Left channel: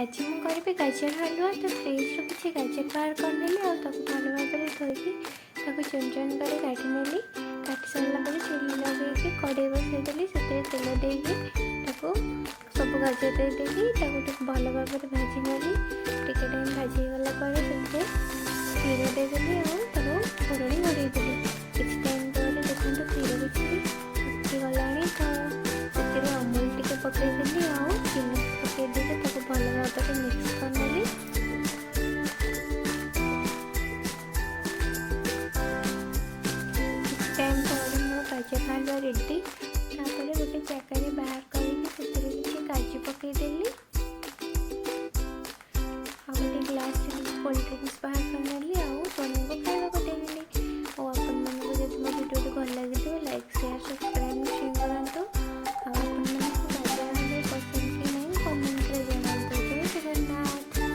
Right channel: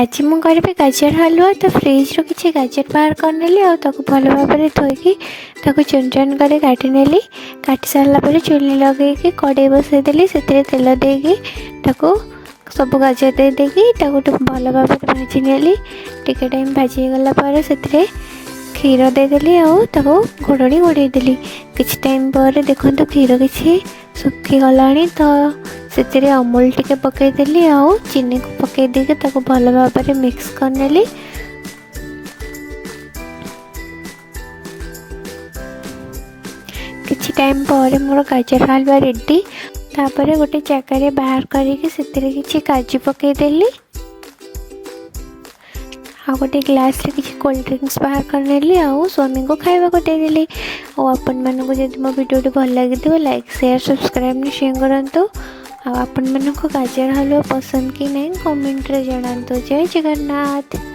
आज ମୁଁ କରିବି ଗାଜର ହାଲୁଆ। ତ ଫ୍ରିଜ୍ରୁ କିଛି ଗାଜର ବାହାର କରିନେଲି ଆଉ ତାକୁ ଭଲ ଭାବରେ ଧୋଇକି ତାକୁ ଚୁନ ଚୁନ କରି କାଟି ନେଲି। କାଟି ସାରିଲା ପରେ ଚୁଲି ଲଗେଇକି କଡ଼େଇ ବସାଇଦେଲି। ସେଥିରେ ତେଲ ଦେଇକି ତାକୁ ସବୁ ଗାଜର ଦେଇକି ତାକୁ ଭଲ ଭାବରେ ଭାଜି ନେଲି। ଟିକେ ଟାଇମ୍ ଭାଜି ହେଇଗଲା ପରେ ସେଥିରେ କ୍ଷୀର ଦେଇଦେଲି ଆଉ ତାକୁ ଘୋଡ଼ଣି ଘୋଡ଼େଇଦେଲି। କିଛି ଟାଇମ୍ ପରେ ଦେଖନ୍ତୁ କ୍ଷୀର କିଛି ଶୁଖିଗଲାଣି। ତ ସେଥିରେ ଅମୁଲ ଟିକେ ପକାଇଦେଲି ଆଉ ଚିନିକୁ ପକାଇ ଦେଇକି ତାକୁ ଭଲ ଭାବରେ ମିକ୍ସ କରିନେଲି। କିଛି ଟାଇମ୍ ପରେ ମୋର ଗାଜର ହାଲୁଆ ରେଡ଼ି। ତାପରେ ଗୋଟେ ଜାଗାରେ ବାହାର କରିକି ସେଥିରେ କିଛି କାଜୁ ପକାଇଦେଲି ଆଉ ଗୋଟେ ଗ୍ଲାସ୍ରେ କିଛି କୋଲ୍ଡ ଡ୍ରିଙ୍କସ୍ ବାହାର କରିନେଲି ଆଉ ସ୍ୱାମୀଙ୍କୁ ଖାଇବାକୁ ଦେଇଦେଲି। ଆଉ ଆପଣମାନଙ୍କୁ ଯଦି ମୋ ଭିଡ଼ିଓଟି ଭଲ ଲାଗିଥିବ ଲାଇକ୍ ସେୟାର ସବସ୍କ୍ରାଇବ୍ ନିଶ୍ଚୟ କରନ୍ତୁ। ଆଉ ଆପଣମାନଙ୍କୁ ଗାଜର ହାଲୁଆ ପସନ୍ଦ କି ନାହିଁ କମେଣ୍ଟରେ ଜଣାନ୍ତୁ। ଜୟ ଜଗନ୍ନାଥ।